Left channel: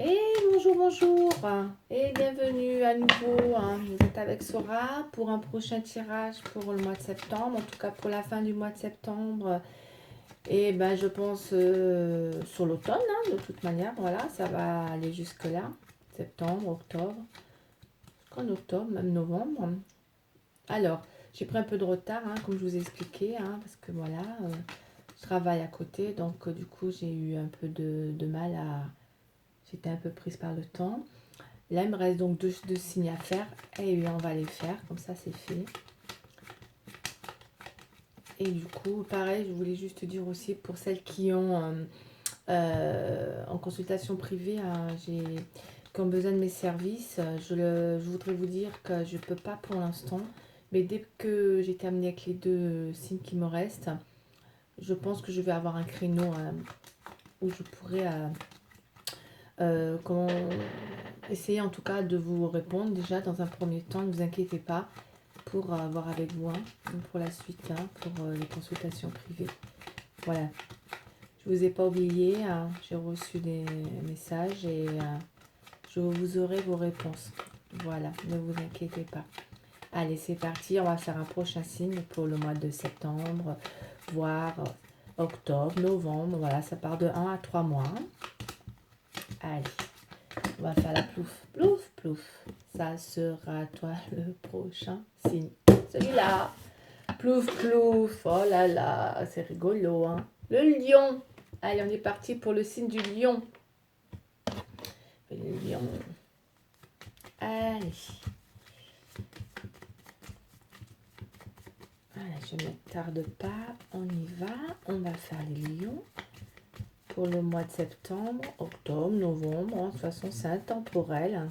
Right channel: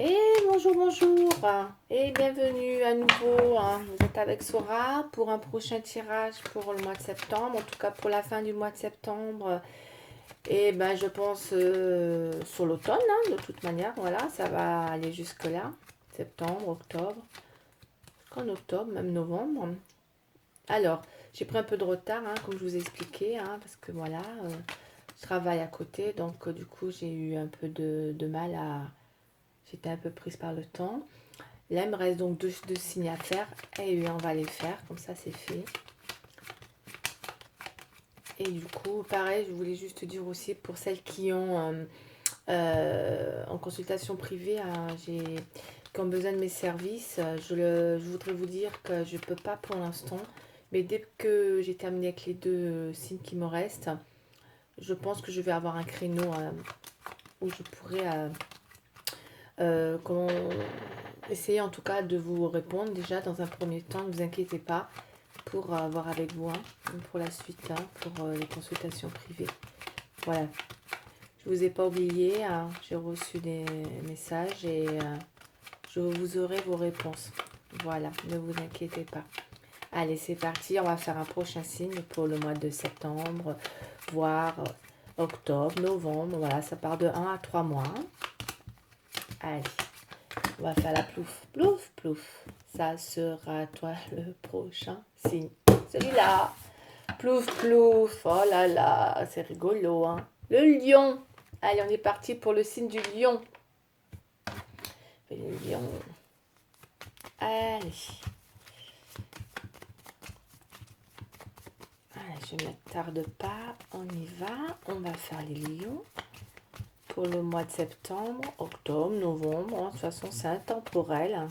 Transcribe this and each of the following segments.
Et bonjour, bonjour, et bienvenue à nouveau. Vous êtes avec Sora pour un prochain tirage pour le mois de septembre, en tout cas pour la fin du mois de septembre. Et ben je pense sur l'automne, de toute manière, voilà, ça va aller jusque-là. Septembre, octobre, jusqu'en octobre, même novembre. Alors, j'ai pris un peu de retard, comme je vous ai expliqué, parce que voilà, je travaille à côté, donc du coup j'ai eu un peu de mal à... J'étais un peu prise par le temps. Là, il me reste donc deux signes à faire. Et oui, on va les faire. Comme ça, c'est fait. Et du coup, pareil, je voulais juste dire aussi pour celles qui ont en consultation privée, qui ont besoin de mes services, je voudrais vous dire que je ne peux pas pour l'instant. Mais dès que j'ai terminé avec les deux signes qui me restent, je pense que je vais avoir un créneau où je pourrai comment essayer en tout cas de vous répondre déjà dans un premier temps. Ne vous inquiétez pas pour voir avec vous pour la suite, pour les consultations privées. Voilà, je vous ai pas oublié, j'ai reçu des messages et je vous aurai vos réponses. Voilà, ne vous inquiétez pas. Allez, c'est parti, on va faire un prochain signe pour le mois de septembre, voire octobre, novembre. Voilà, ça part de 1 à 3 mois. Allez, on va faire la plouf, plouf, plouf. Ça sera toi le prochain signe. Celui-là. Plouf, plouf. Oh là là, c'est rigolo, hein. Le lion. Allez, on est parti pour le signe du lion. Le lion. Allez. Allez, je ne tarde pas. On y va. On va faire les lions pour le mois de septembre, octobre, novembre. De toute façon, c'est intemporel.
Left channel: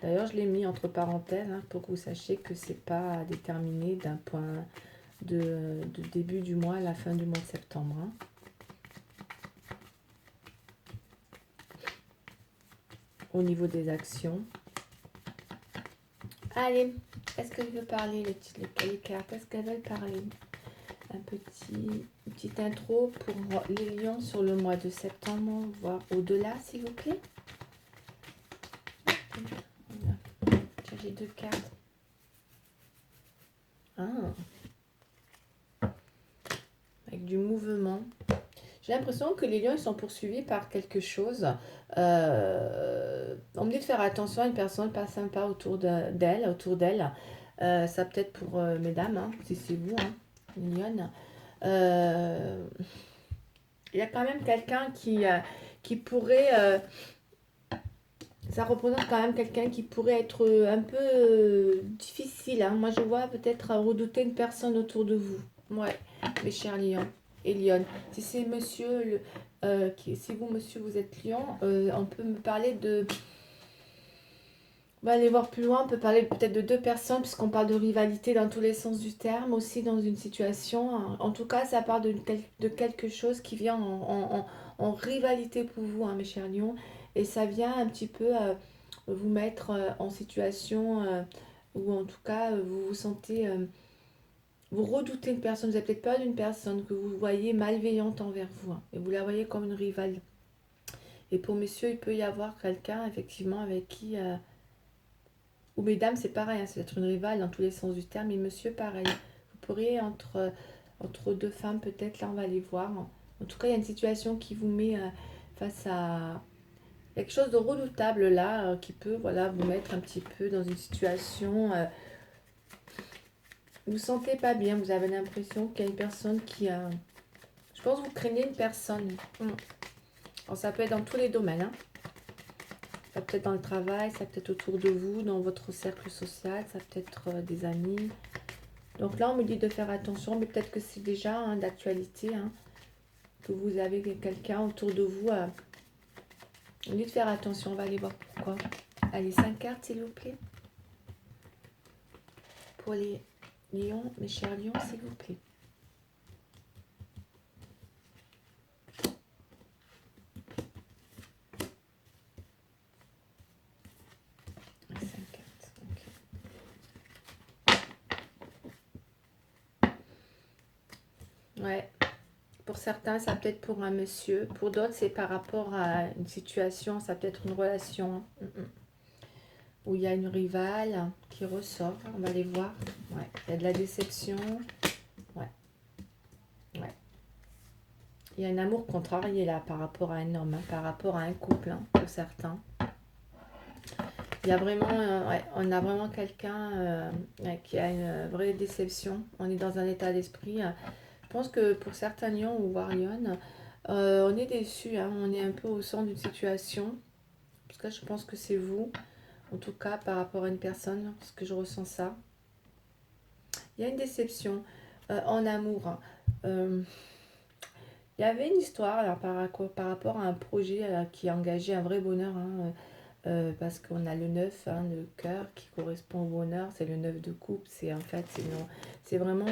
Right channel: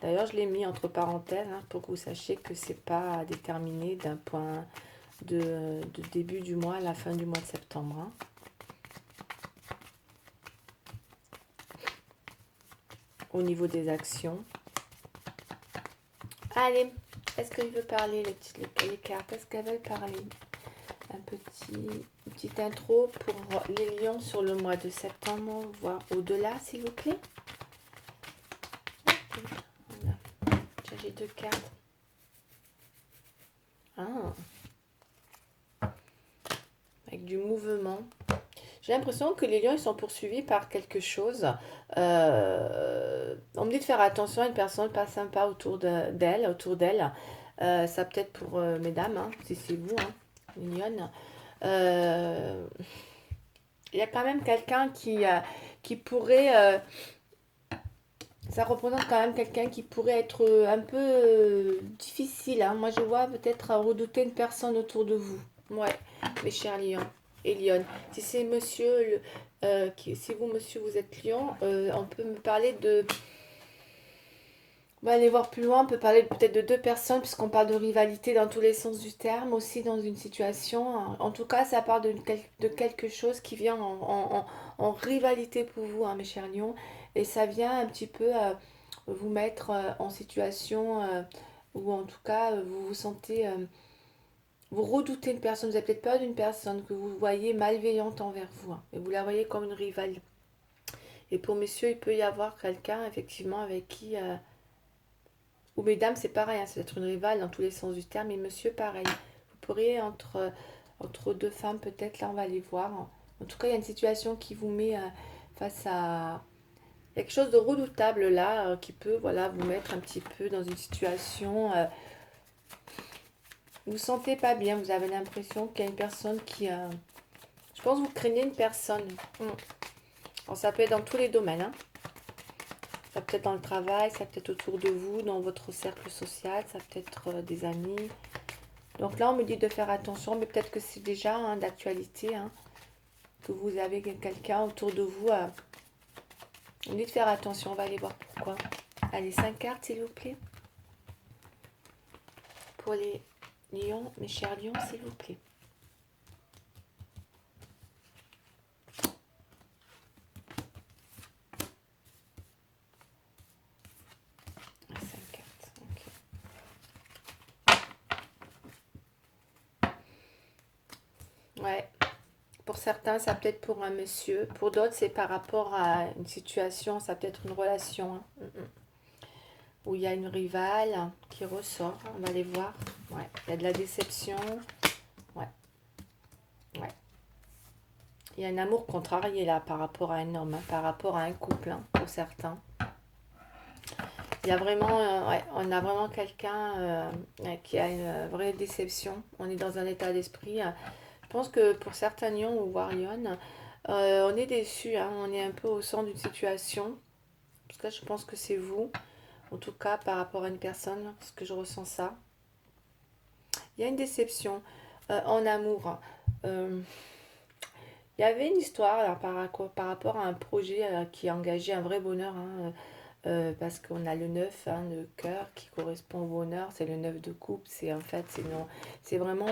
D'ailleurs, je l'ai mis entre parenthèses pour que vous sachiez que c'est pas déterminé d'un point de début du mois à la fin du mois de septembre. Au niveau des actions. Allez, est-ce qu'elle veut parler, les cartes? Est-ce qu'elles veulent parler? Une petite intro pour les lions sur le mois de septembre, voire au-delà, s'il vous plaît. J'ai deux cartes. Avec du mouvement. J'ai l'impression que les lions, ils sont poursuivis par quelque chose. On me dit de faire attention à une personne pas sympa autour d'elle. Ça peut-être pour mesdames, si c'est vous, mignonne. Il y a quand même quelqu'un qui pourrait... ça représente quand même quelqu'un qui pourrait être un peu difficile. Moi, je vois peut-être redouter une personne autour de vous. Ouais, mes chers lions et lionnes. Si c'est monsieur, si vous, monsieur, vous êtes lion, on peut me parler de... On va aller voir plus loin, on peut parler peut-être de deux personnes, puisqu'on parle de rivalité dans tous les sens du terme, aussi dans une situation. En tout cas, ça parle de quelque chose qui vient en rivalité pour vous, mes chers lions. Et ça vient un petit peu vous mettre en situation où, en tout cas, vous vous sentez... vous redoutez une personne, vous avez peut-être peur d'une personne que vous voyez malveillante envers vous, et vous la voyez comme une rivale. Et pour messieurs, il peut y avoir quelqu'un, effectivement, avec qui... ou mesdames, c'est pareil, c'est d'être une rivale dans tous les sens du terme, et monsieur, pareil. Vous pourriez, entre deux femmes, peut-être, là, on va les voir. En tout cas, il y a une situation qui vous met face à quelque chose de redoutable, là, qui peut, voilà, vous mettre un petit peu dans une situation... vous ne vous sentez pas bien, vous avez l'impression qu'il y a une personne qui... je pense que vous craignez une personne. Alors, ça peut être dans tous les domaines, Ça peut être dans le travail, ça peut être autour de vous, dans votre cercle social, ça peut être des amis. Donc là, on me dit de faire attention, mais peut-être que c'est déjà d'actualité, que vous avez quelqu'un autour de vous. On dit de faire attention, on va aller voir pourquoi. Allez, 5 cartes, s'il vous plaît. Pour les lions, mes chers lions, s'il vous plaît. Ouais, Pour certains, ça peut être pour un monsieur. Pour d'autres, c'est par rapport à une situation, ça peut être une relation, hein. Où il y a une rivale qui ressort. On va aller voir. Ouais. Il y a de la déception. Ouais. Ouais. Il y a un amour contrarié là par rapport à un homme, hein, par rapport à un couple, hein, pour certains. Il y a vraiment, ouais, on a vraiment quelqu'un ouais, qui a une vraie déception. On est dans un état d'esprit. Je pense que pour certains lions ou warriors, on est déçu, hein, on est un peu au centre d'une situation. En tout cas, je pense que c'est vous, en tout cas par rapport à une personne, parce que je ressens ça. Il y a une déception en amour, hein. Il y avait une histoire alors, par rapport à un projet qui a engagé un vrai bonheur, hein, parce qu'on a le 9 hein, de cœur qui correspond au bonheur, c'est le 9 de coupe, c'est en fait, c'est vraiment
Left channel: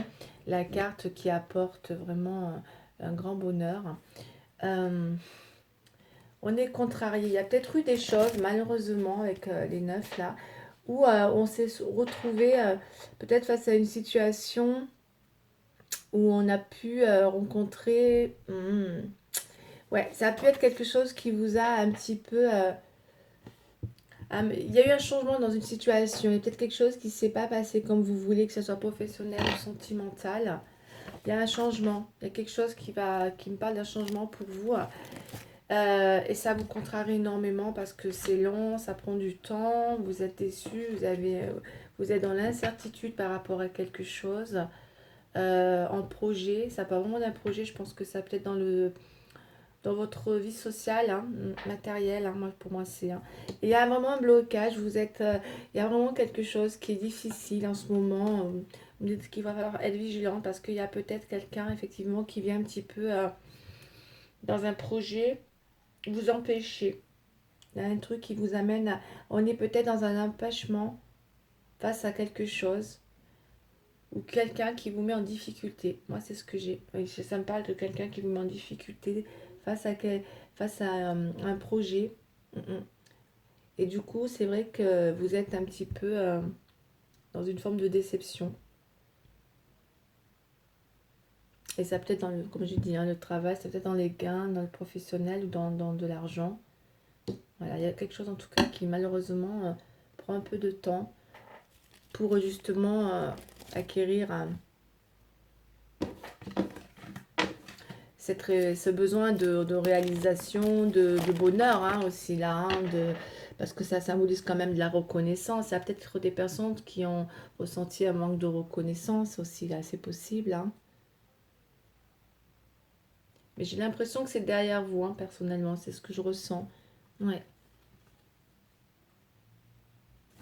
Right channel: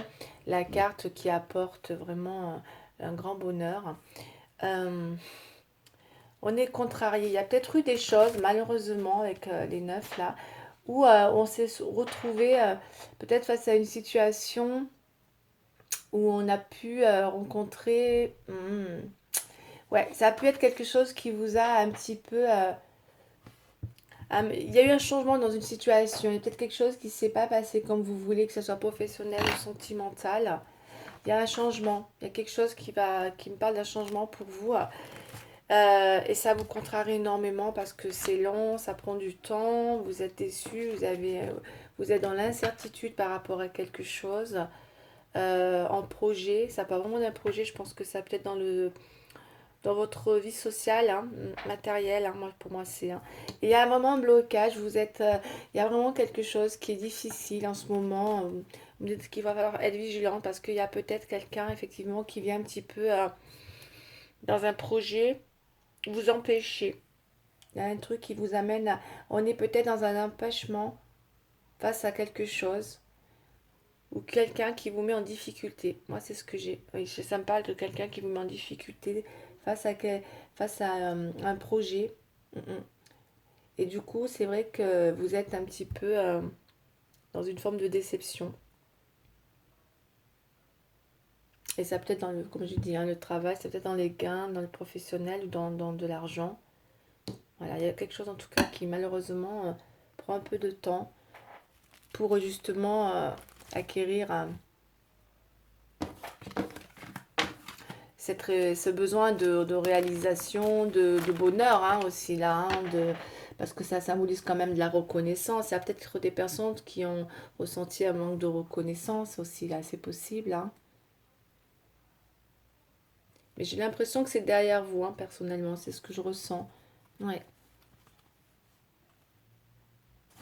la carte qui apporte vraiment un grand bonheur. Euh, on est contrarié, il y a peut-être eu des choses malheureusement avec les 9 là, où on s'est retrouvé peut-être face à une situation où on a pu rencontrer... ouais, ça a pu être quelque chose qui vous a un petit peu... il y a eu un changement dans une situation, il y a peut-être quelque chose qui ne s'est pas passé comme vous voulez, que ce soit professionnel ou sentimental. Il y a un changement, il y a quelque chose qui me parle d'un changement pour vous. Et ça vous contrarie énormément parce que c'est lent, ça prend du temps, vous êtes déçu, vous êtes dans l'incertitude par rapport à quelque chose. En projet, ça part vraiment d'un projet, je pense que ça peut être dans votre vie sociale, hein, matérielle, hein, moi, pour moi c'est. Hein. Et il y a vraiment un blocage, il y a vraiment quelque chose qui est difficile en ce moment. Vous me dites qu'il va falloir être vigilant parce qu'il y a peut-être quelqu'un effectivement qui vient un petit peu dans un projet vous empêcher. Il y a un truc qui vous amène à... On est peut-être dans un empêchement face à quelque chose ou quelqu'un qui vous met en difficulté. Moi, c'est ce que j'ai. Oui, ça me parle de quelqu'un qui vous met en difficulté face à, face à un projet. Et du coup, c'est vrai que vous êtes un petit peu dans une forme de déception. Et ça peut être dans le, comme je dis, hein, le travail, ça peut être dans les gains, dans le professionnel ou dans de l'argent. Voilà, il y a quelque chose en tout cas qui malheureusement prend un peu de temps pour justement acquérir ce besoin de réalisation, de bonheur hein, aussi là, hein, parce que ça symbolise quand même de la reconnaissance. Il y a peut-être des personnes qui ont ressenti un manque de reconnaissance aussi là, c'est possible. Hein. Mais j'ai l'impression que c'est derrière vous, hein, personnellement, c'est ce que je ressens. Ouais.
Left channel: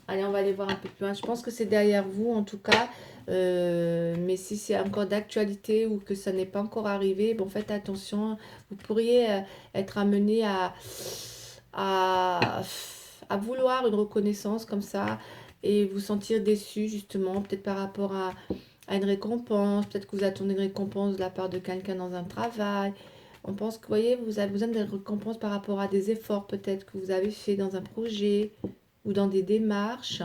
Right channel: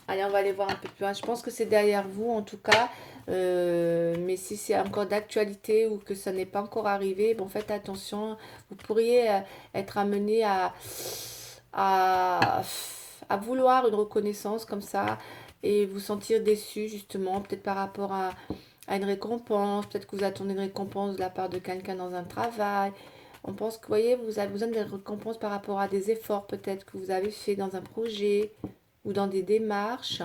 Allez, on va aller voir un peu plus loin. Je pense que c'est derrière vous, en tout cas. Mais si c'est encore d'actualité ou que ça n'est pas encore arrivé, bon, faites attention. Vous pourriez être amené à, à vouloir une reconnaissance comme ça et vous sentir déçu, justement, peut-être par rapport à une récompense. Peut-être que vous attendez une récompense de la part de quelqu'un dans un travail. On pense que, vous voyez, vous avez besoin de récompense par rapport à des efforts peut-être que vous avez fait dans un projet ou dans des démarches.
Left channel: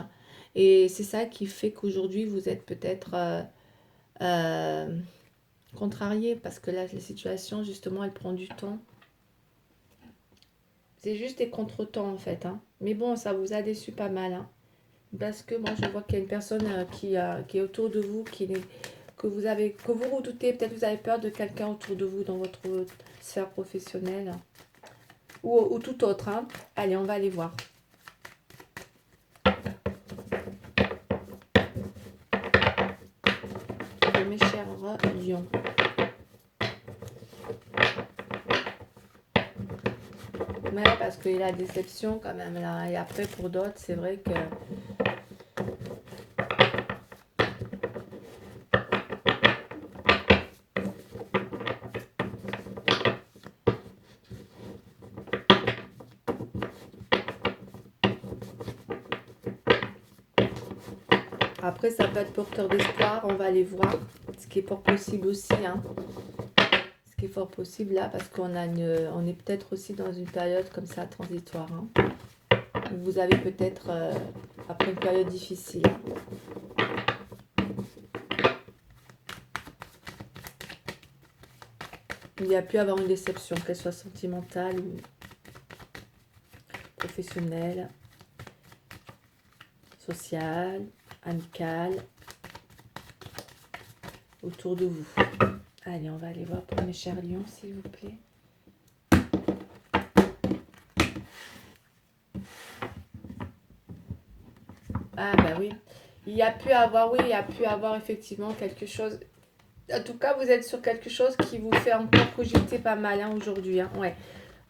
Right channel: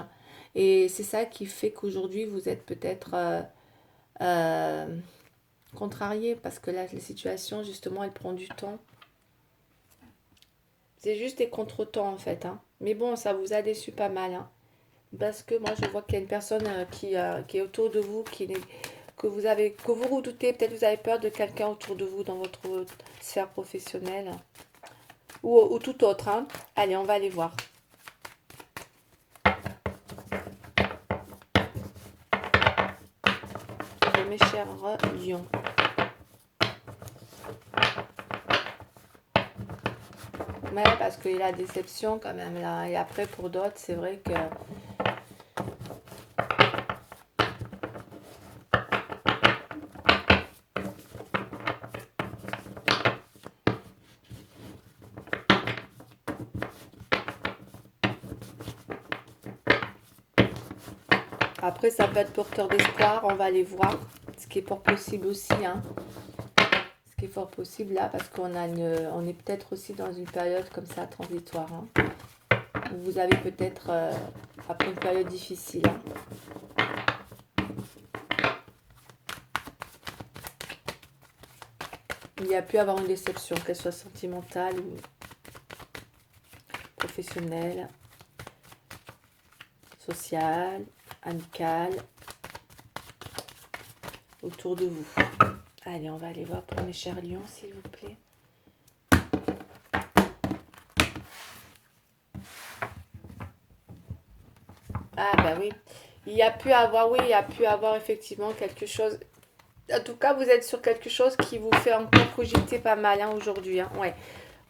Et c'est ça qui fait qu'aujourd'hui, vous êtes peut-être euh, contrarié parce que là, la situation, justement, elle prend du temps. C'est juste des contretemps, en fait. Hein. Mais bon, ça vous a déçu pas mal. Hein. Parce que moi, je vois qu'il y a une personne qui est autour de vous, que vous redoutez. Peut-être vous avez peur de quelqu'un autour de vous dans votre sphère professionnelle ou tout autre. Hein. Allez, on va aller voir. Mes chers lions. Ouais, parce qu'il y a la déception quand même là. Et après, pour d'autres, c'est vrai que... Après, ça peut être porteur d'espoir. On va aller voir. Ce qui est fort possible aussi. Hein. Ce qui est fort possible là, parce on est peut-être aussi dans une période comme ça, transitoire. Hein. Vous avez peut-être, après une période difficile. Il y a pu avoir une déception, qu'elle soit sentimentale ou professionnelle, sociale, amicale, autour de vous. Allez, on va aller voir pour mes chers lions, s'il vous plaît. Ah bah oui, il y a pu avoir, oui, il y a pu avoir effectivement quelque chose. En tout cas, vous êtes sur quelque chose qui vous fait encore cogiter pas mal hein, aujourd'hui. Hein. Ouais,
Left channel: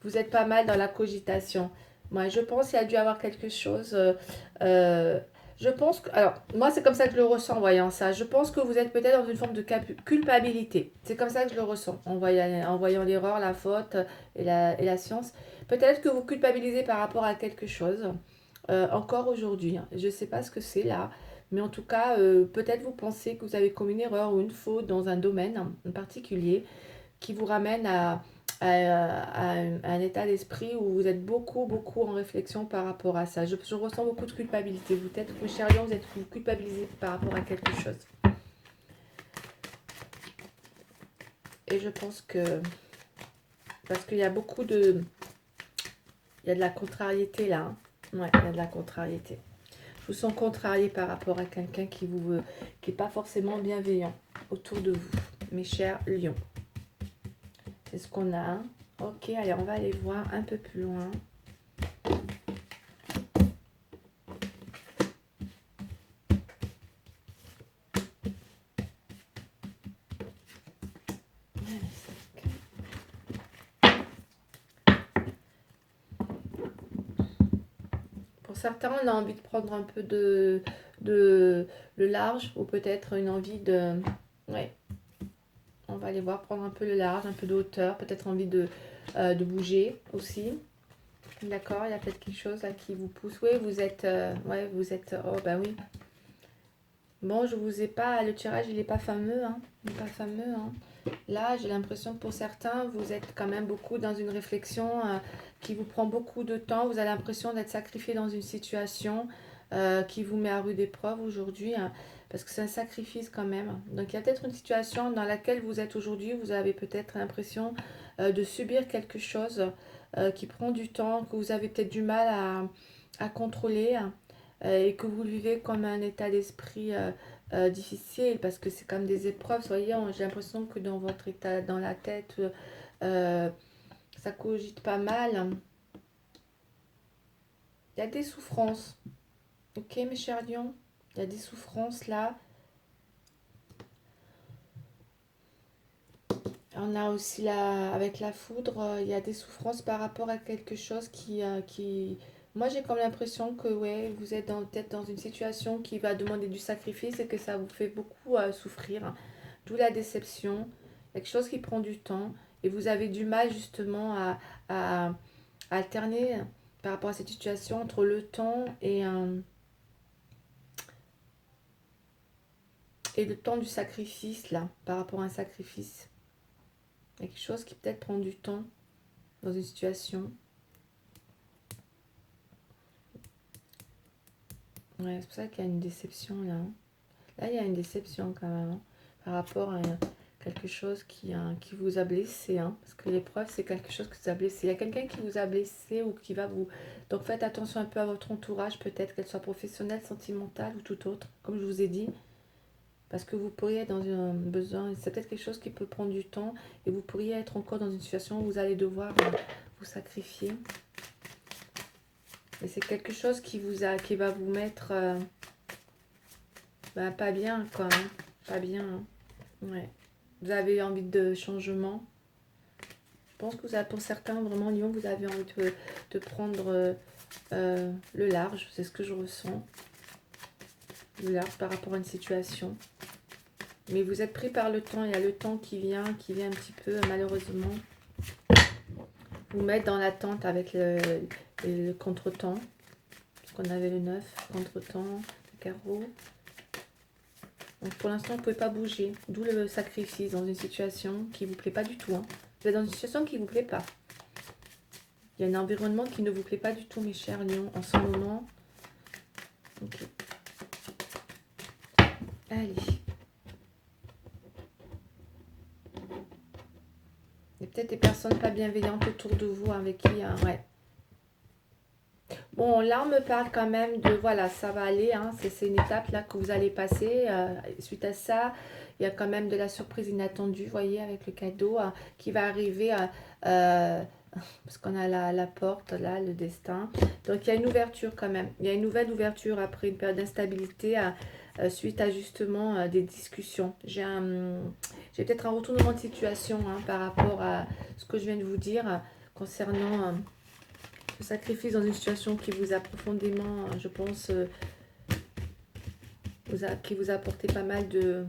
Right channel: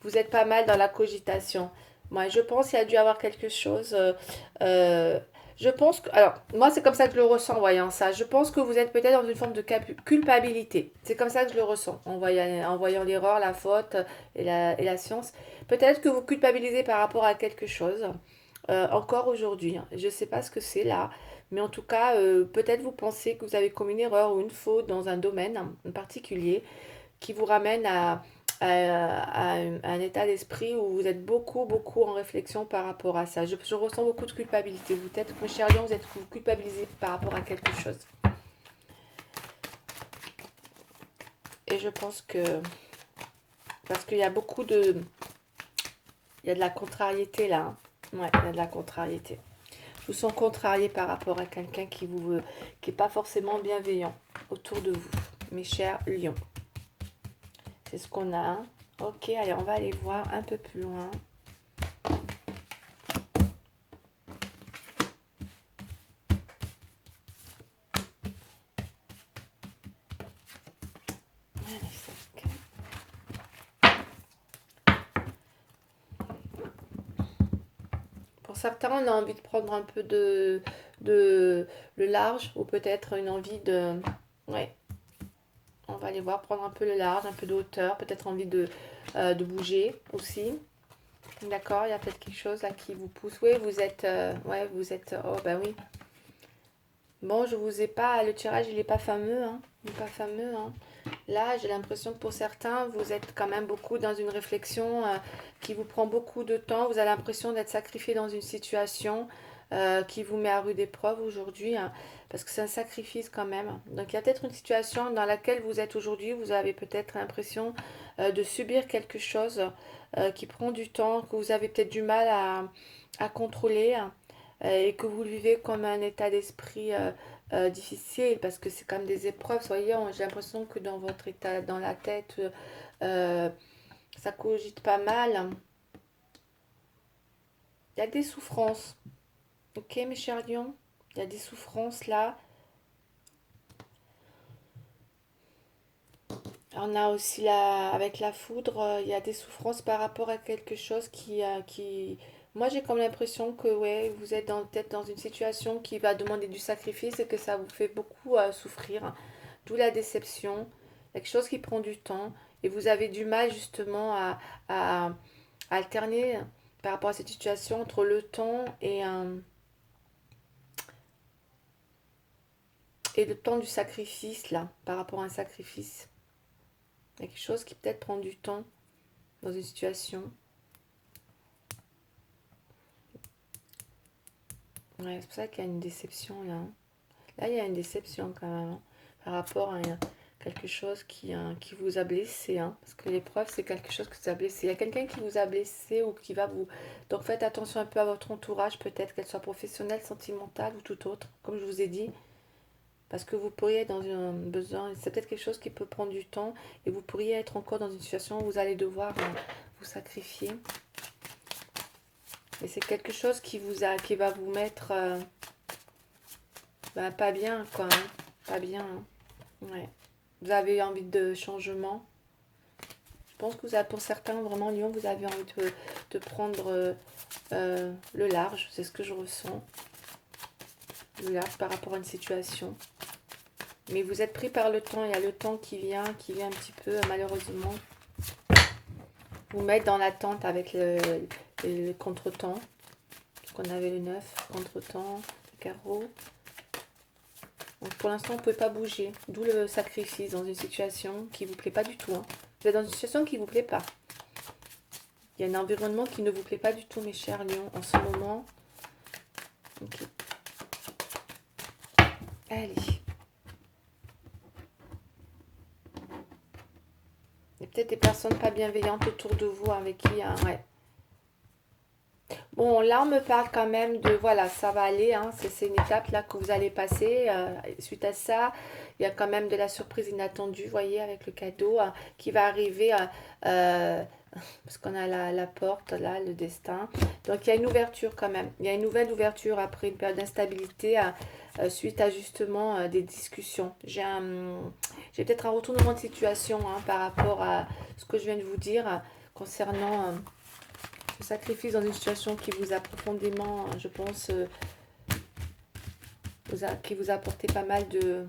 vous êtes pas mal dans la cogitation. Moi, je pense qu'il y a dû avoir quelque chose. Je pense que, alors, moi, c'est comme ça que je le ressens en voyant ça. Je pense que vous êtes peut-être dans une forme de culpabilité. C'est comme ça que je le ressens en voyant l'erreur, la faute et la science. Peut-être que vous culpabilisez par rapport à quelque chose encore aujourd'hui. Hein. Je ne sais pas ce que c'est là. Mais en tout cas, peut-être vous pensez que vous avez commis une erreur ou une faute dans un domaine en particulier qui vous ramène à un état d'esprit où vous êtes beaucoup, beaucoup en réflexion par rapport à ça. Je ressens beaucoup de culpabilité. Vous êtes, mes chers lions, vous culpabilisez par rapport à quelque chose. Et je pense que, parce qu'il y a beaucoup de, il y a de la contrariété là. Hein. Ouais, il y a de la contrariété. Je vous sens contrarié par rapport à quelqu'un qui n'est pas forcément bienveillant autour de vous, mes chers lions. C'est ce qu'on a. Hein. Ok, allez, on va aller voir un peu plus loin. Pour certains, on a envie de prendre un peu de le large ou peut-être une envie de... Ouais, on va aller voir, prendre un peu le large, un peu de hauteur, peut-être envie de bouger aussi. D'accord, il y a peut-être quelque chose là qui vous pousse. Oui, vous êtes... ouais, vous êtes... Oh, bah oui. Bon, je vous ai pas... Le tirage, il n'est pas fameux. Hein. Il n'est pas fameux. Hein. Là, j'ai l'impression que pour certains, vous êtes quand même beaucoup dans une réflexion qui vous prend beaucoup de temps. Vous avez l'impression d'être sacrifié dans une situation qui vous met à rude épreuve aujourd'hui, hein, parce que c'est un sacrifice quand même. Donc, il y a peut-être une situation dans laquelle vous êtes aujourd'hui. Vous avez peut-être l'impression de subir quelque chose qui prend du temps, que vous avez peut-être du mal à contrôler hein, et que vous le vivez comme un état d'esprit difficile parce que c'est comme des épreuves. Soyons, j'ai l'impression que dans votre état, dans la tête, euh, ça cogite pas mal. Il y a des souffrances. Ok, mes chers lions, il y a des souffrances là. On a aussi avec la foudre, il y a des souffrances par rapport à quelque chose qui... Moi, j'ai comme l'impression que ouais, vous êtes peut-être dans une situation qui va demander du sacrifice et que ça vous fait beaucoup souffrir. Hein. D'où la déception, quelque chose qui prend du temps et vous avez du mal justement à alterner par rapport à cette situation entre le temps et le temps du sacrifice là, par rapport à un sacrifice. Il y a quelque chose qui peut-être prend du temps dans une situation. Ouais, c'est pour ça qu'il y a une déception là. Hein. Là, il y a une déception quand même hein, par rapport à quelque chose qui vous a blessé. Hein, parce que l'épreuve, c'est quelque chose qui vous a blessé. Il y a quelqu'un qui vous a blessé ou qui va vous... Donc faites attention un peu à votre entourage, peut-être qu'elle soit professionnelle, sentimentale ou tout autre, comme je vous ai dit. Parce que vous pourriez être dans un besoin, c'est peut-être quelque chose qui peut prendre du temps et vous pourriez être encore dans une situation où vous allez devoir vous sacrifier. Et c'est quelque chose qui qui va vous mettre pas bien, quoi. Hein. Pas bien. Hein. Ouais. Vous avez envie de changement. Je pense que vous avez, pour certains, vraiment, Lyon, vous avez envie de prendre le large. C'est ce que je ressens. Le large par rapport à une situation. Mais vous êtes pris par le temps. Il y a le temps qui vient un petit peu, malheureusement, vous mettre dans l'attente avec le contre-temps. On avait le 9, contre-temps, le carreau. Donc pour l'instant, vous ne pouvez pas bouger. D'où le sacrifice dans une situation qui ne vous plaît pas du tout. Hein. Vous êtes dans une situation qui ne vous plaît pas. Il y a un environnement qui ne vous plaît pas du tout, mes chers lions, en ce moment. Ok. Allez. Il y a peut-être des personnes pas bienveillantes autour de vous avec qui, ouais. Bon, là, on me parle quand même de, voilà, ça va aller, hein, c'est une étape là que vous allez passer. Suite à ça, il y a quand même de la surprise inattendue, vous voyez, avec le cadeau qui va arriver, euh, parce qu'on a la porte, là, le destin. Donc, il y a une ouverture quand même. Il y a une nouvelle ouverture après une période d'instabilité suite à justement des discussions. J'ai peut-être un retournement de situation par rapport à ce que je viens de vous dire concernant... le sacrifice dans une situation qui vous a profondément, je pense, qui vous a apporté pas mal de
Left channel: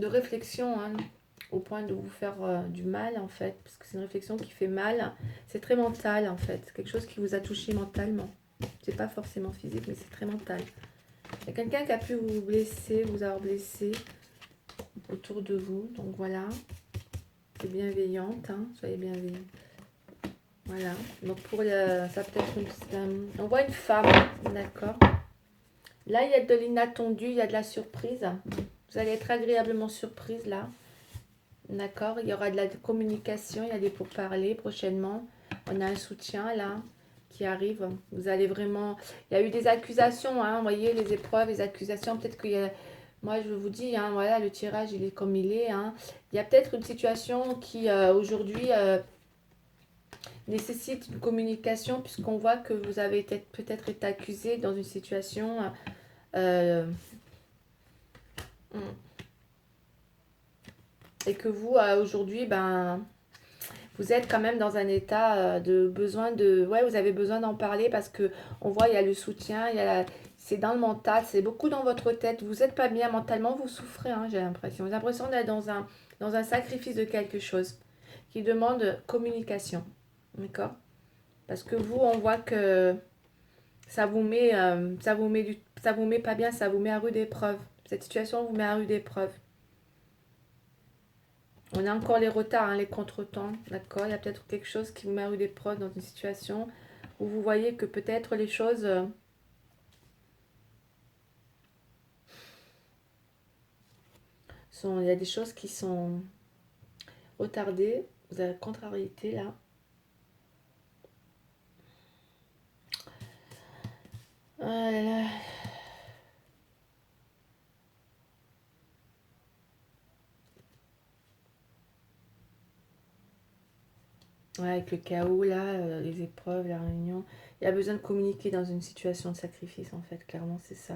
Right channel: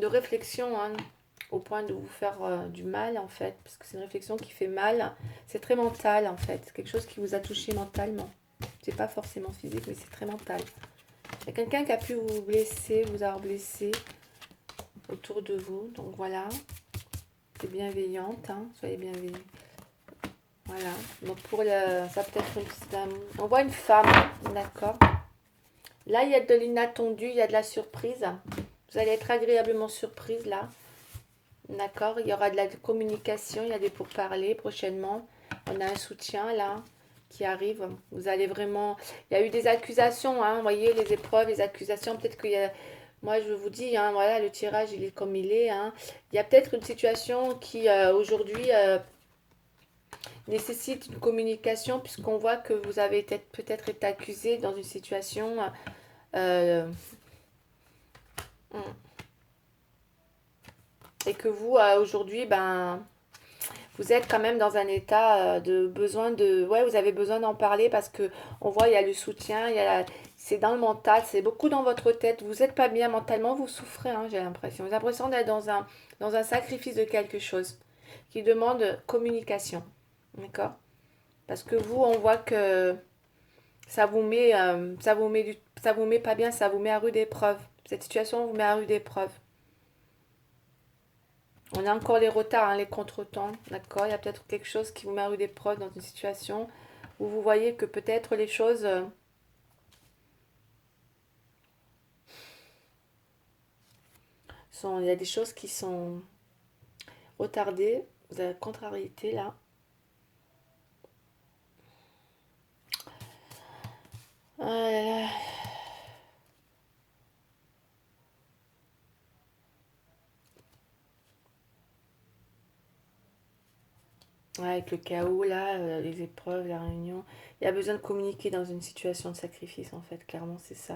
réflexion, hein, au point de vous faire du mal en fait, parce que c'est une réflexion qui fait mal. C'est très mental en fait, c'est quelque chose qui vous a touché mentalement. C'est pas forcément physique, mais c'est très mental. Il y a quelqu'un qui a pu vous blesser, vous avoir blessé autour de vous, donc voilà. C'est bienveillante, hein, soyez bienveillants. Voilà, donc pour ça peut être on voit une femme, d'accord. Là, il y a de l'inattendu, il y a de la surprise. Vous allez être agréablement surprise là, d'accord. Il y aura de la communication, il y a des pourparlers prochainement. On a un soutien là qui arrive. Vous allez vraiment... Il y a eu des accusations, hein, vous voyez, les épreuves, les accusations. Peut-être qu'il y a... Moi, je vous dis, hein, voilà, le tirage, il est comme il est. Hein. Il y a peut-être une situation qui, aujourd'hui... nécessite une communication puisqu'on voit que vous avez peut-être été accusé dans une situation et que vous aujourd'hui vous êtes quand même dans un état de besoin de vous avez besoin d'en parler parce que on voit il y a le soutien, c'est dans le mental, c'est beaucoup dans votre tête, vous n'êtes pas bien mentalement, vous souffrez, hein, j'ai l'impression. Vous avez l'impression d'être dans un sacrifice de quelque chose qui demande communication, d'accord. Parce que vous, on voit que ça vous met, ça vous met pas bien, ça vous met à rude épreuve. Cette situation vous met à rude épreuve. On a encore les retards, hein, les contretemps, d'accord. Il y a peut-être quelque chose qui vous met à rude épreuve dans une situation où vous voyez que peut-être les choses il y a des choses qui sont retardées. Vous avez la contrariété là. Oh là là. Ouais, avec le chaos, là, les épreuves, la réunion. Il y a besoin de communiquer dans une situation de sacrifice, en fait. Clairement, c'est ça.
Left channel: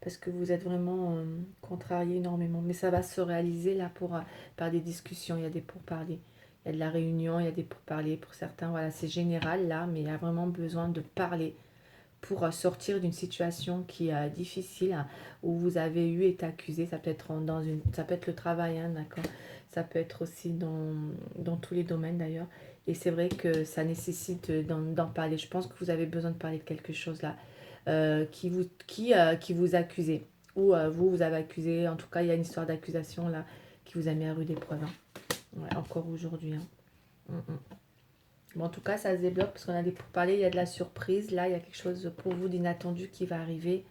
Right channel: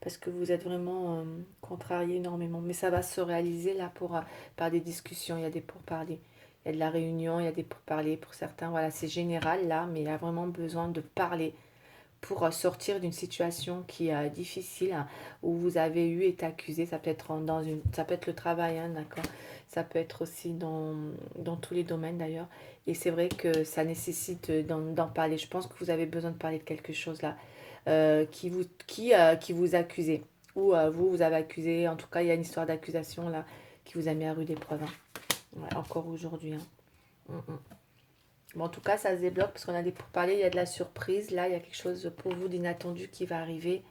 Parce que vous êtes vraiment contrarié énormément. Mais ça va se réaliser, là, par des discussions. Il y a des pourparlers. Il y a de la réunion, il y a des pourparlers pour certains. Voilà, c'est général, là, mais il y a vraiment besoin de parler pour sortir d'une situation qui est difficile, hein, où vous avez été accusé. Ça peut être ça peut être le travail, hein, d'accord. Ça peut être aussi dans tous les domaines d'ailleurs. Et c'est vrai que ça nécessite d'en parler. Je pense que vous avez besoin de parler de quelque chose là qui vous accusez. Ou vous avez accusé. En tout cas, il y a une histoire d'accusation là qui vous a mis à rude épreuve. Hein. Ouais, encore aujourd'hui. Hein. Bon, en tout cas, ça se débloque parce qu'on a des pourparlers, il y a de la surprise. Là, il y a quelque chose pour vous d'inattendu qui va arriver.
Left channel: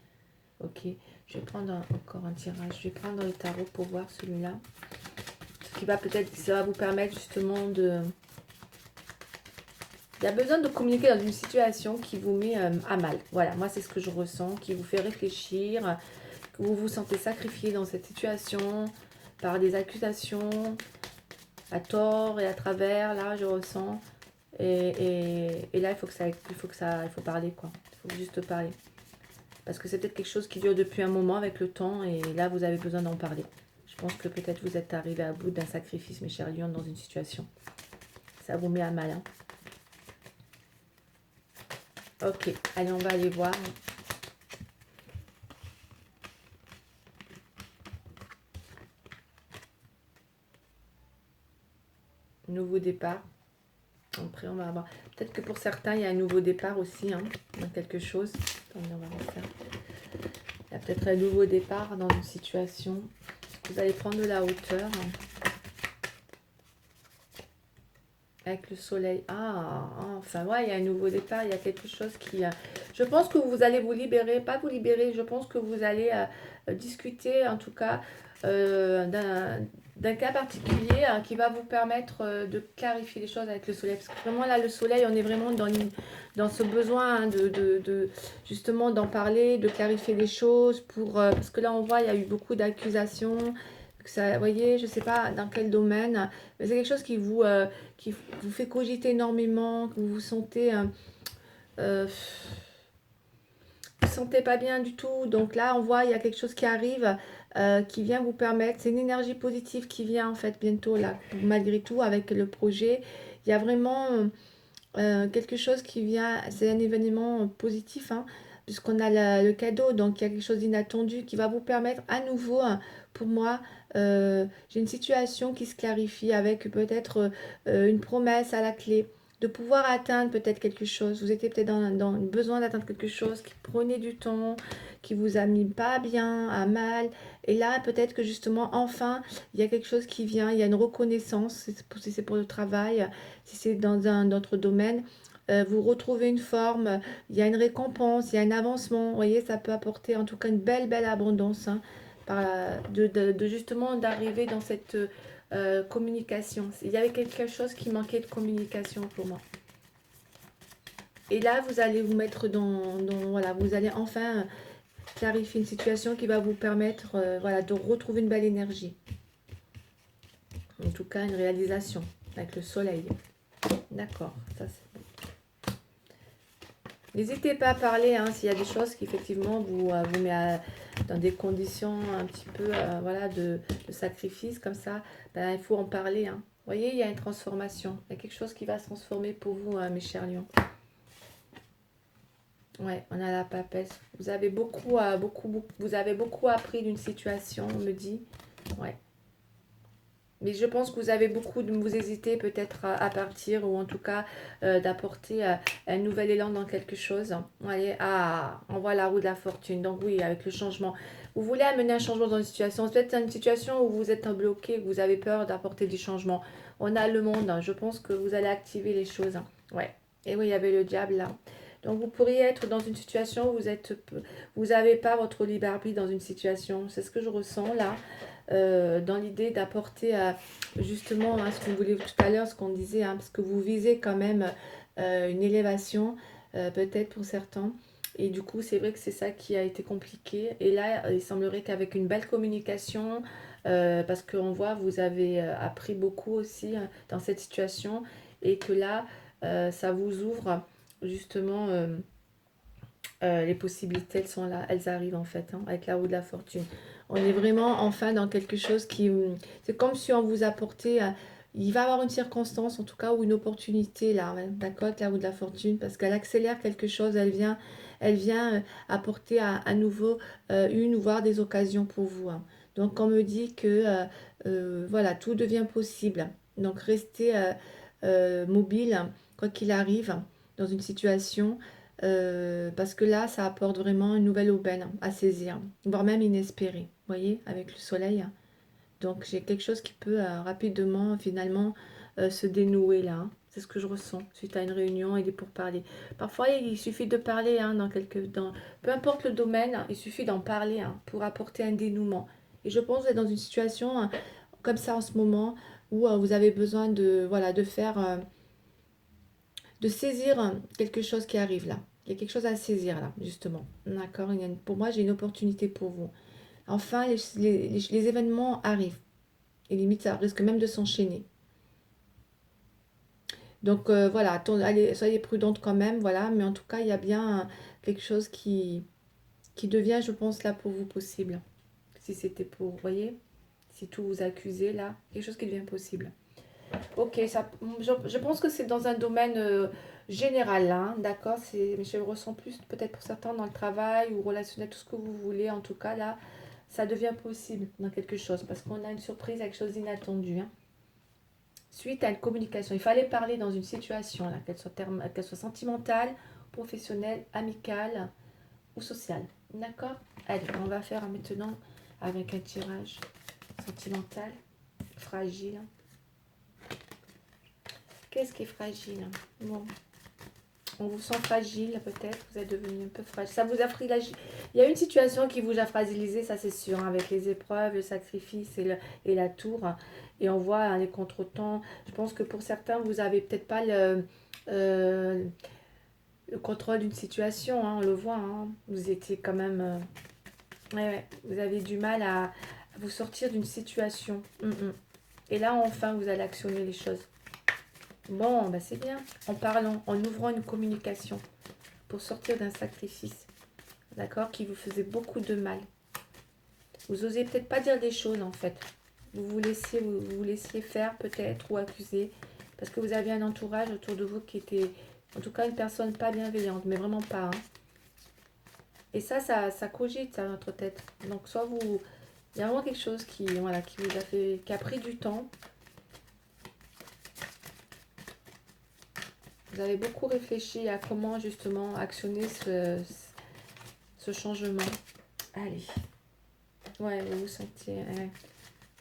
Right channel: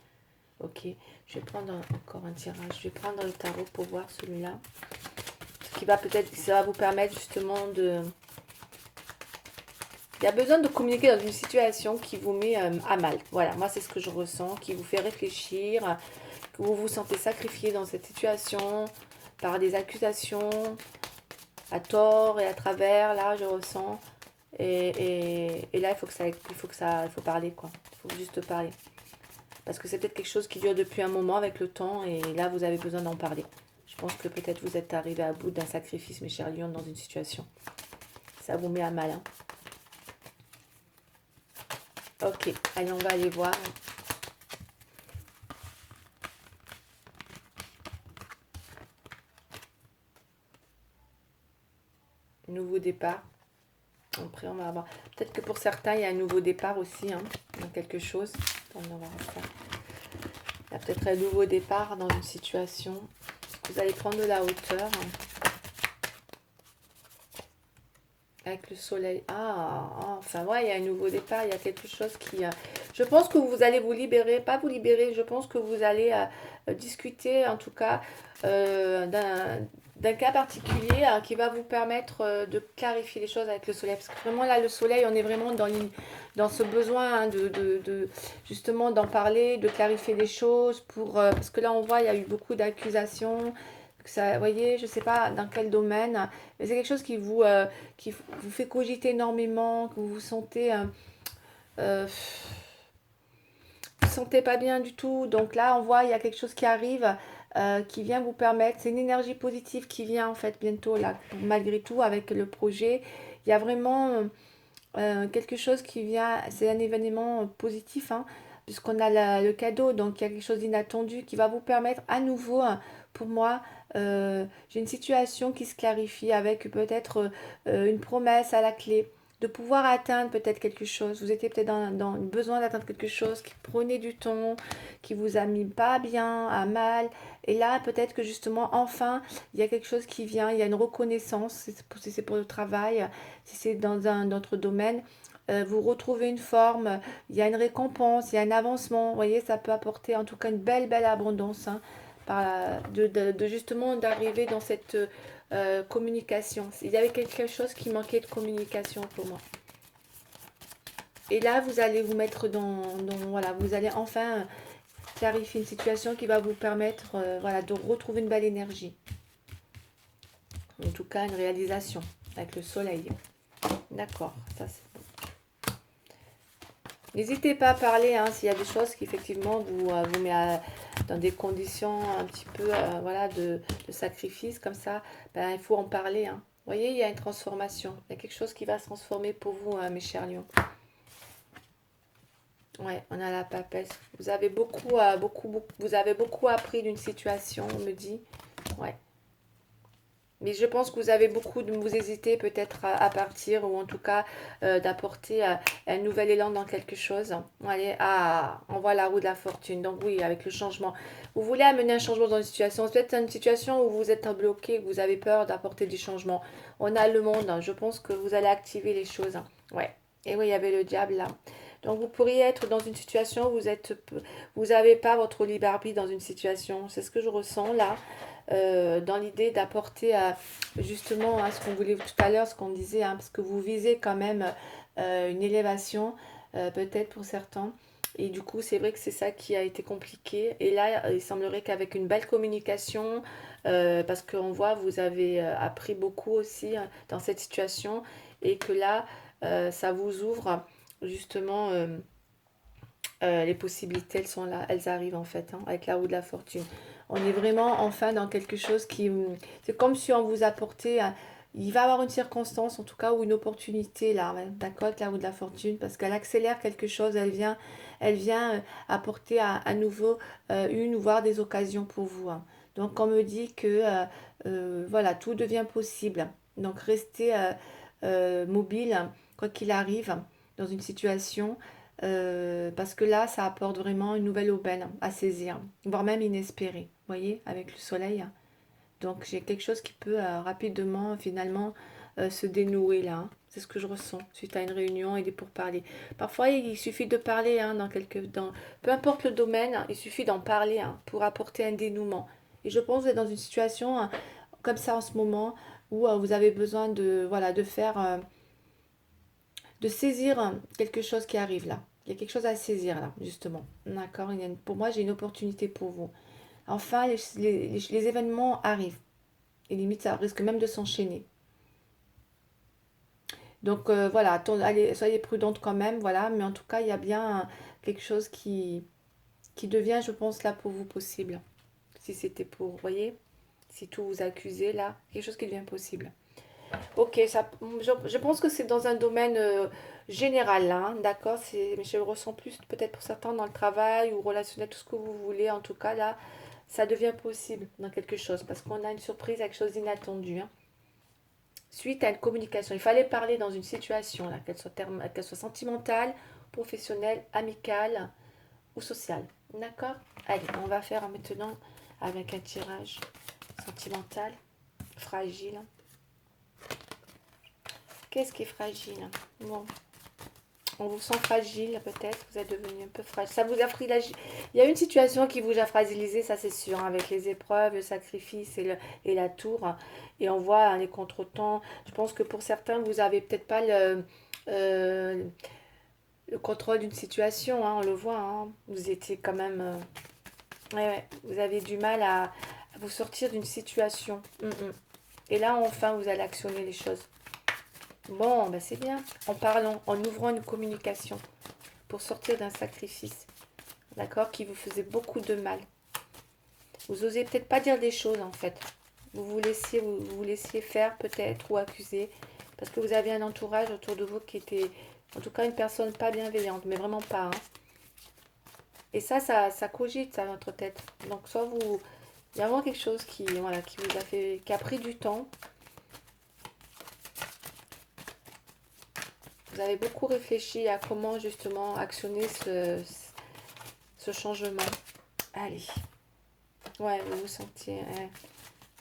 Ok, je vais prendre encore un tirage. Je vais prendre le tarot pour voir celui-là. Ce qui va peut-être, ça va vous permettre justement de... Il y a besoin de communiquer dans une situation qui vous met à mal. Voilà, moi c'est ce que je ressens, qui vous fait réfléchir, que vous vous sentez sacrifié dans cette situation par des accusations à tort et à travers. Là, je ressens. Et là, il faut parler quoi. Il faut juste parler. Parce que c'est peut-être quelque chose qui dure depuis un moment avec le temps et là, vous avez besoin d'en parler. Je pense que peut-être vous êtes arrivé à bout d'un sacrifice, mes chers lions, dans une situation. Ça vous met à mal. Hein. Ok, allez, on va aller voir. Nouveau départ. Après, on va avoir... Peut-être que pour certains, il y a un nouveau départ aussi. Hein, dans quelque chose. Attendez, on va voir ça. Il y a peut-être un nouveau départ dans une situation. Vous allez prendre de la hauteur. avec le soleil. Ah, enfin, ouais, il y a un nouveau départ, il y a quelque chose qui... je pense que vous allez vous libérer, pas vous libérer, je pense que vous allez discuter, en tout cas, d'un cas particulier qui va vous permettre de clarifier les choses avec le soleil. Parce que vraiment, là, le soleil, on est vraiment dans ce besoin hein, justement d'en parler, de clarifier les choses, parce que là, on voit, il y a eu beaucoup d'accusations. Ça, vous voyez, je ne sais pas dans quel domaine, mais c'est quelque chose qui vous fait cogiter énormément, que vous vous sentez, euh, vous sentez pas bien du tout. Donc là, on voit, il y a quelque chose qui arrive, qui vient vous permettre. C'est une énergie positive qui vient en fait bientôt là, malgré tout, avec le projet. Il y a vraiment quelque chose qui vient. C'est un événement positif, hein, puisqu'on a le cadeau. Donc il y a quelque chose d'inattendu qui va vous permettre à nouveau, hein, pour moi. J'ai une situation qui se clarifie avec peut-être une promesse à la clé de pouvoir atteindre peut-être quelque chose. Vous étiez peut-être dans le besoin d'atteindre quelque chose qui prenait du temps, qui vous a mis pas bien, à mal. Et là, peut-être que justement, enfin, il y a quelque chose qui vient, il y a une reconnaissance, si c'est pour le travail, si c'est dans un autre domaine. Vous retrouvez une forme, il y a une récompense, il y a un avancement. Vous voyez, ça peut apporter en tout cas une belle, belle abondance, hein, justement d'arriver dans cette communication. Il y avait quelque chose qui manquait de communication pour moi. Et là, vous allez vous mettre voilà, vous allez enfin clarifier une situation qui va vous permettre voilà, de retrouver une belle énergie. En tout cas, une réalisation avec le soleil. D'accord, ça c'est... N'hésitez pas à parler hein, s'il y a des choses qui effectivement vous met dans des conditions un petit peu voilà, de sacrifice comme ça. Ben, il faut en parler. Hein. Vous voyez, il y a une transformation. Il y a quelque chose qui va se transformer pour vous, hein, mes chers lions. Ouais, on a la papesse. Vous avez vous avez beaucoup appris d'une situation, on me dit. Ouais. Mais je pense que vous avez vous hésitez peut-être à partir ou en tout cas d'apporter un nouvel élan dans quelque chose. Allez, on voit la roue de la fortune. Donc oui, avec le changement. Vous voulez amener un changement dans une situation. C'est peut-être une situation où vous êtes bloqué, vous avez peur d'apporter du changement. On a le monde. Hein. Je pense que vous allez activer les choses. Hein. Ouais. Et oui, il y avait le diable là. Donc vous pourriez être dans une situation où vous n'avez pas votre libre arbitre dans une situation. C'est ce que je ressens là. Dans l'idée d'apporter justement à ce qu'on voulait tout à l'heure, ce qu'on disait, hein, parce que vous visez quand même une élévation, peut-être pour certains. Et du coup, c'est vrai que c'est ça qui a été compliqué. Et là, il semblerait qu'avec une belle communication, parce qu'on voit, vous avez appris beaucoup aussi hein, dans cette situation, et que là, ça vous ouvre justement les possibilités, elles sont là, elles arrivent en fait, hein, avec la roue de la fortune. On est vraiment enfin dans quelque chose qui... C'est comme si on vous apportait... il va y avoir une circonstance, en tout cas, ou une opportunité là, hein, d'accord, avec la roue de la fortune, parce qu'elle accélère quelque chose, elle vient apporter à nouveau une ou voire des occasions pour vous. Hein. Donc on me dit que voilà, tout devient possible. Donc restez mobile, quoi qu'il arrive, dans une situation. Parce que là, ça apporte vraiment une nouvelle aubaine à saisir, voire même inespérée, vous voyez, avec le soleil. Donc j'ai quelque chose qui peut rapidement, finalement, se dénouer là. Hein. C'est ce que je ressens suite à une réunion et des pourparlers. Parfois, il suffit de parler, hein, peu importe le domaine, hein, il suffit d'en parler hein, pour apporter un dénouement. Et je pense que vous êtes dans une situation hein, comme ça en ce moment où vous avez besoin de, voilà, de saisir quelque chose qui arrive là. Il y a quelque chose à saisir là, justement. D'accord. Pour moi, j'ai une opportunité pour vous. Enfin, les événements arrivent. Et limite, ça risque même de s'enchaîner. Donc voilà, allez, soyez prudente quand même, voilà. Mais en tout cas, il y a bien quelque chose qui devient, je pense, là pour vous possible. Si c'était pour, vous voyez, si tout vous accusez là, quelque chose qui devient possible. Ok, je pense que c'est dans un domaine général, là, hein, d'accord? Mais je le ressens plus peut-être pour certains dans le travail ou relationnel, tout ce que vous voulez. En tout cas, là, ça devient possible dans quelque chose parce qu'on a une surprise, quelque chose d'inattendu. Hein. Suite à une communication, il fallait parler dans une situation, là, qu'elle soit sentimentale, professionnelle, amicale ou sociale. D'accord? Allez, on va faire maintenant avec un tirage sentimental, fragile. Qu'est-ce qui est fragile? Bon. On vous sent fragile, peut-être. Vous êtes devenu un peu fragile. Ça vous a fragilisé. Il y a une situation qui vous a fragilisé, ça c'est sûr, hein, avec les épreuves, le sacrifice et la tour. Et on voit hein, les contretemps. Je pense que pour certains, vous avez peut-être pas euh, le contrôle d'une situation. Hein, on le voit. Hein. Vous étiez quand même. Ouais, ouais, vous avez du mal à vous sortir d'une situation. Et là, enfin, vous allez actionner les choses. Bon, ben c'est bien. En parlant, en ouvrant une communication pour sortir d'un sacrifice, d'accord, qui vous faisait beaucoup de mal. Vous osez peut-être pas dire des choses en fait. Vous laissiez faire peut-être ou accuser parce que vous aviez un entourage autour de vous qui était, en tout cas, une personne pas bienveillante, mais vraiment pas. Hein. Et ça cogite à notre tête. Donc soit vous, il y a vraiment quelque chose qui, voilà, qui vous a fait, qui a pris du temps. Vous avez beaucoup réfléchi à comment justement actionner ce changement. Allez. Ouais, vous vous sentiez,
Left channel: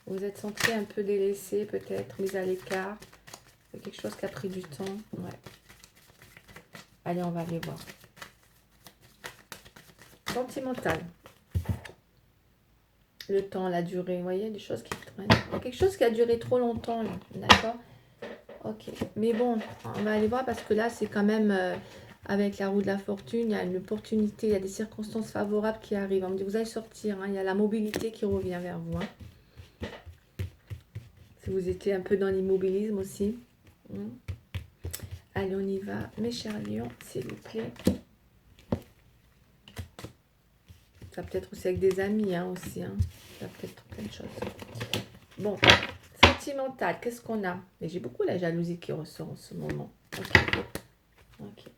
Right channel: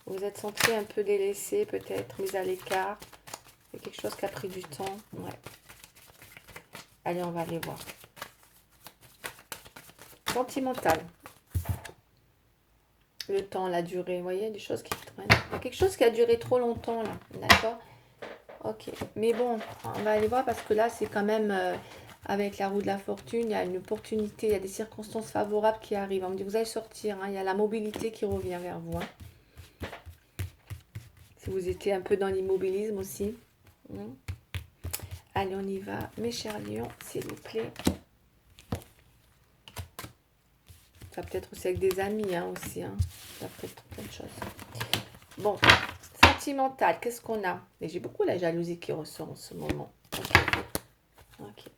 vous êtes senti un peu délaissé peut-être, mis à l'écart. C'est quelque chose qui a pris du temps. Ouais. Allez, on va aller voir. Sentimental. Le temps, la durée, vous voyez, des choses qui traînent. Il y a quelque chose qui a duré trop longtemps là, d'accord? Ok, mais bon, on va aller voir parce que là, c'est quand même avec la roue de la fortune, il y a une opportunité, il y a des circonstances favorables qui arrivent. On me dit, vous allez sortir, hein, il y a la mobilité qui revient vers vous. Hein. Si vous étiez un peu dans l'immobilisme aussi. Allez, on y va, mes chers lions, s'il vous plaît. Ça peut être aussi avec des amis, hein, aussi. Hein. Ça peut être plein de choses. Bon, sentimental, qu'est-ce qu'on a? Mais j'ai beaucoup la jalousie qui ressort en ce moment. Ok.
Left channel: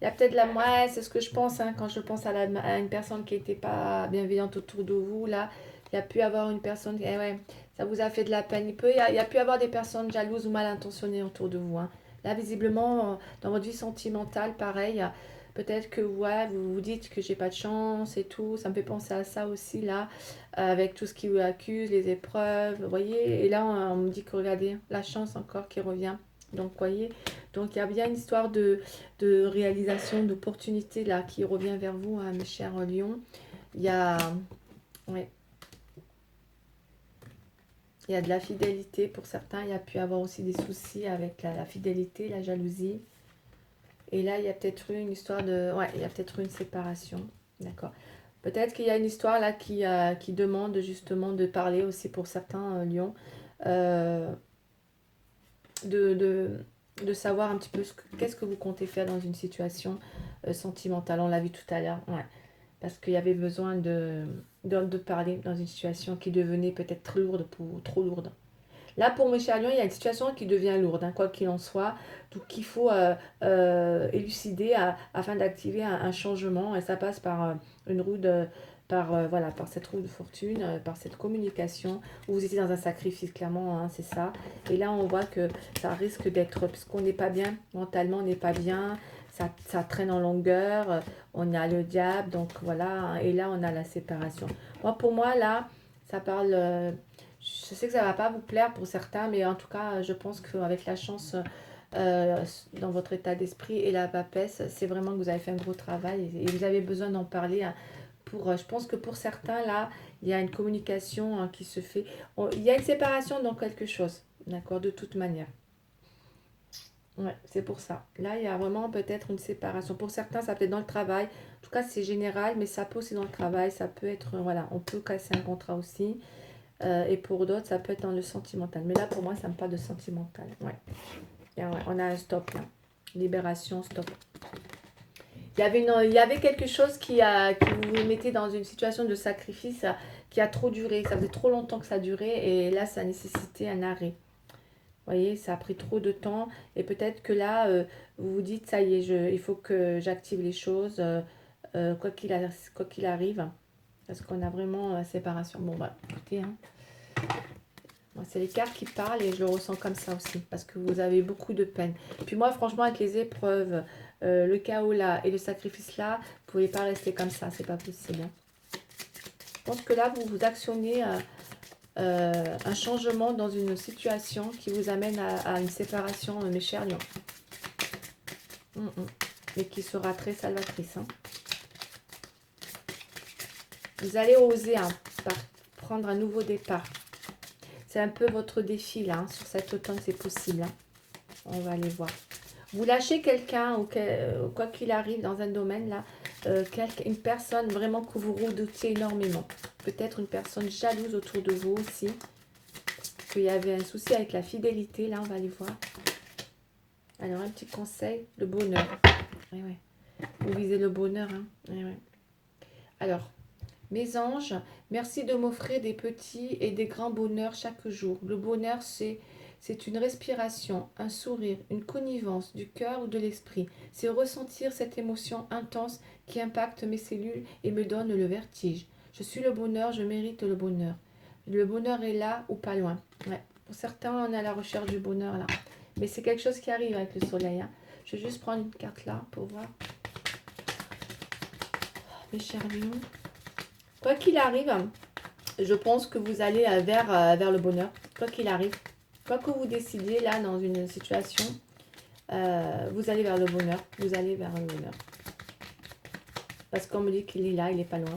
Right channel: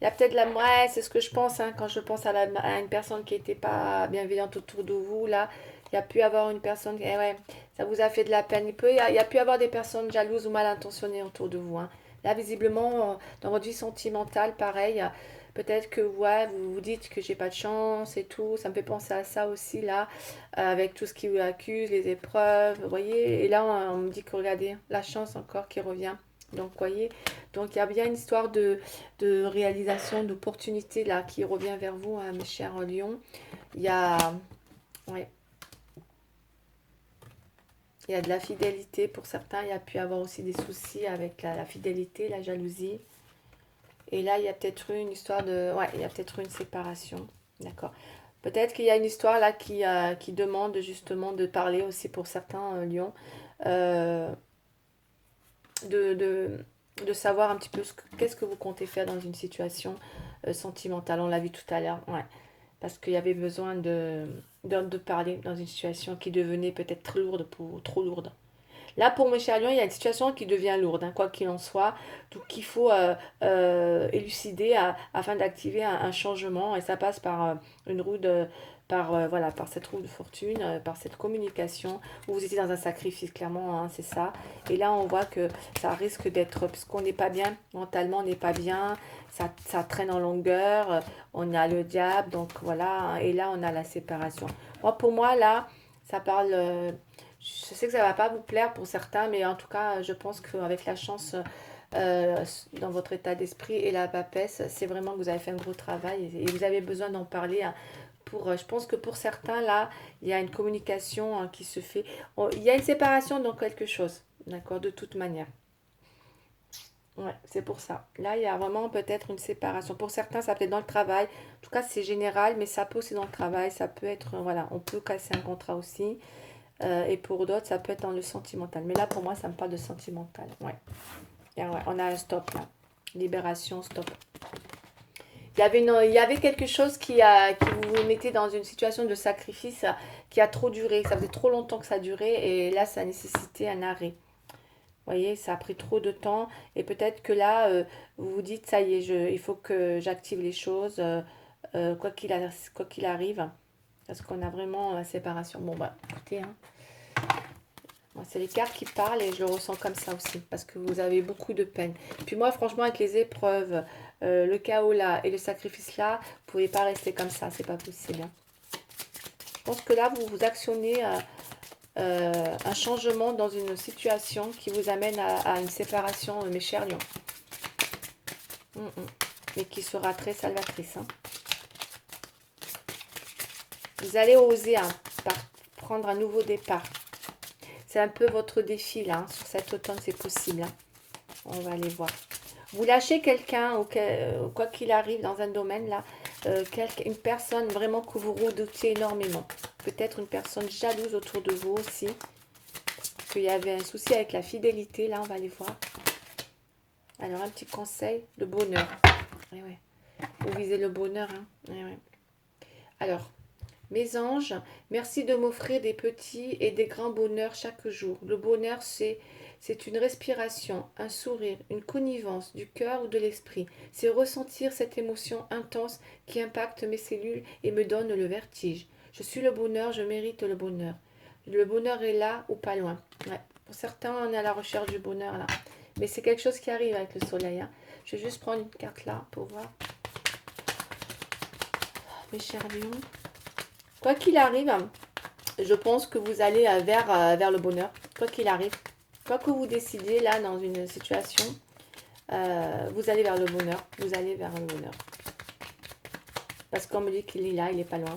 Il y a peut-être la... Ouais, c'est ce que je pense, hein, quand je pense à une personne qui n'était pas bienveillante autour de vous, là. Il y a pu avoir une personne... Eh ouais, ça vous a fait de la peine. Il y a pu avoir des personnes jalouses ou mal intentionnées autour de vous. Hein. Là, visiblement, dans votre vie sentimentale, pareil, peut-être que ouais, vous vous dites que j'ai pas de chance et tout. Ça me fait penser à ça aussi, là, avec tout ce qui vous accuse, les épreuves, vous voyez. Et là, on me dit que, regardez, la chance encore qui revient. Donc, vous voyez, donc il y a bien une histoire de réalisation, d'opportunité, là, qui revient vers vous, hein, mes chers lions. Il y a... Ouais. Il y a de la fidélité pour certains. Il y a pu avoir aussi des soucis avec la fidélité, la jalousie. Et là, il y a peut-être une histoire de... Ouais, il y a peut-être une séparation. D'accord. Peut-être qu'il y a une histoire là qui demande justement de parler aussi pour certains lions. Euh, de, de, de savoir un petit peu qu'est-ce que vous comptez faire dans une situation sentimentale. On l'a vu tout à l'heure. Ouais. Parce qu'il y avait besoin de parler dans une situation qui devenait peut-être trop lourde. Là, pour mes chers lions, il y a une situation qui devient lourde, hein, quoi qu'il en soit. Donc, il faut élucider afin d'activer un changement. Et ça passe par une roue de... voilà, par cette roue de fortune, par cette communication, où vous étiez dans un sacrifice, clairement, hein, c'est ça. Et là, on voit que ça risque d'être... Puisqu'on n'est pas bien, mentalement, on n'est pas bien, ça traîne en longueur, on a le diable, donc voilà. Hein, et là, on a la séparation. Moi, pour moi, là, ça parle... je sais que ça ne va pas vous plaire pour certains, mais en tout cas, je pense qu'avec la chance dans votre état d'esprit et la papesse, c'est vraiment que vous avez fait un gros travail et vous avez besoin d'en parler. Hein, je pense que pour certains, là, il y a une communication hein, qui se fait. Il y a une séparation dans quelque chose, d'accord, de toute manière. Ouais, c'est pour ça. Là, il y a vraiment peut-être une séparation. Pour certains, ça peut être dans le travail. En tout cas, c'est général, mais ça peut aussi dans le travail. Ça peut être, voilà, on peut casser un contrat aussi. Et pour d'autres, ça peut être dans le sentimental. Mais là, pour moi, ça me parle de sentimental. Ouais. Et ouais, on a un stop là. Libération, stop. Il y avait quelque chose qui vous mettait dans une situation de sacrifice qui a trop duré. Ça faisait trop longtemps que ça durait et là, ça nécessitait un arrêt. Vous voyez, ça a pris trop de temps et peut-être que là, vous vous dites, ça y est, il faut que j'active les choses, quoi qu'il arrive, parce qu'on a vraiment la séparation. Bon, voilà, écoutez, hein. Moi, c'est les cartes qui parlent et je le ressens comme ça aussi, parce que vous avez beaucoup de peine. Puis moi, franchement, avec les épreuves, le chaos là et le sacrifice là, vous ne pouvez pas rester comme ça, c'est pas possible. Hein. Je pense que là, vous vous actionnez un changement dans une situation qui vous amène à une séparation, mes chers lions. Mais qui sera très salvatrice. Hein. Vous allez oser prendre un nouveau départ. C'est un peu votre défi là, sur cet automne, c'est possible. Hein. On va aller voir. Vous lâchez quelqu'un, ou quoi qu'il arrive dans un domaine là, une personne vraiment que vous redoutiez énormément. Peut-être une personne jalouse autour de vous aussi. Qu'il y avait un souci avec la fidélité, là on va aller voir. Alors un petit conseil, le bonheur. Ouais, ouais. Vous visez le bonheur. Hein. Ouais, ouais. Alors, mes anges, merci de m'offrir des petits et des grands bonheurs chaque jour. Le bonheur, c'est une respiration, un sourire, une connivence du cœur ou de l'esprit. C'est ressentir cette émotion intense qui impacte mes cellules et me donne le vertige. Je suis le bonheur, je mérite le bonheur. Le bonheur est là ou pas loin. Ouais. Pour certains, on est à la recherche du bonheur là. Mais c'est quelque chose qui arrive avec le soleil. Hein. Je vais juste prendre une carte là pour voir. Mes chers lions. Quoi qu'il arrive, je pense que vous allez vers le bonheur. Quoi qu'il arrive. Quoi que vous décidiez là dans une situation, vous allez vers le bonheur. Vous allez vers le bonheur. Parce qu'on me dit qu'il est là, il n'est pas loin.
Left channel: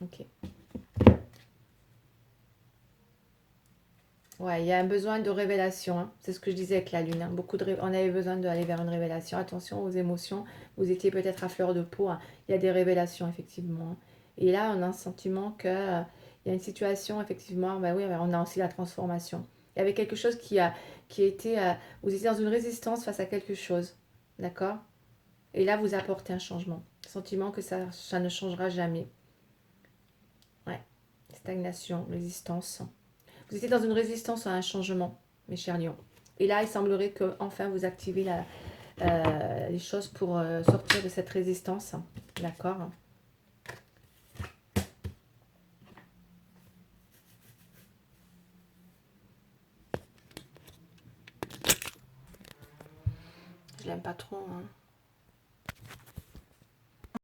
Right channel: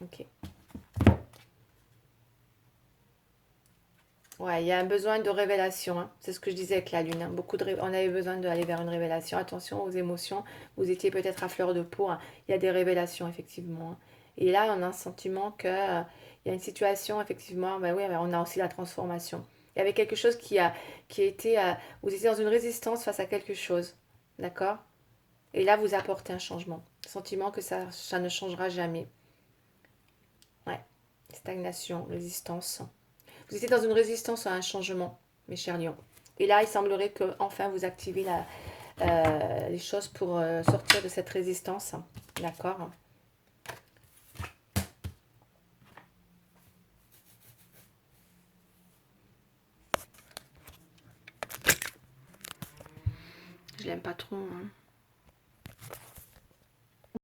Ok. Ouais, il y a un besoin de révélation. Hein. C'est ce que je disais avec la lune. Hein. On avait besoin d'aller vers une révélation. Attention aux émotions. Vous étiez peut-être à fleur de peau. Hein. Il y a des révélations, effectivement. Hein. Et là, on a un sentiment que il y a une situation, effectivement. Ben oui, ben on a aussi la transformation. Il y avait quelque chose qui a été. Vous étiez dans une résistance face à quelque chose. D'accord. Et là, vous apportez un changement. Sentiment que ça ne changera jamais. Ouais. Stagnation, résistance. Vous étiez dans une résistance à un changement, mes chers lions. Et là, il semblerait que enfin vous activez les choses pour sortir de cette résistance. D'accord. Je l'aime pas trop. Hein.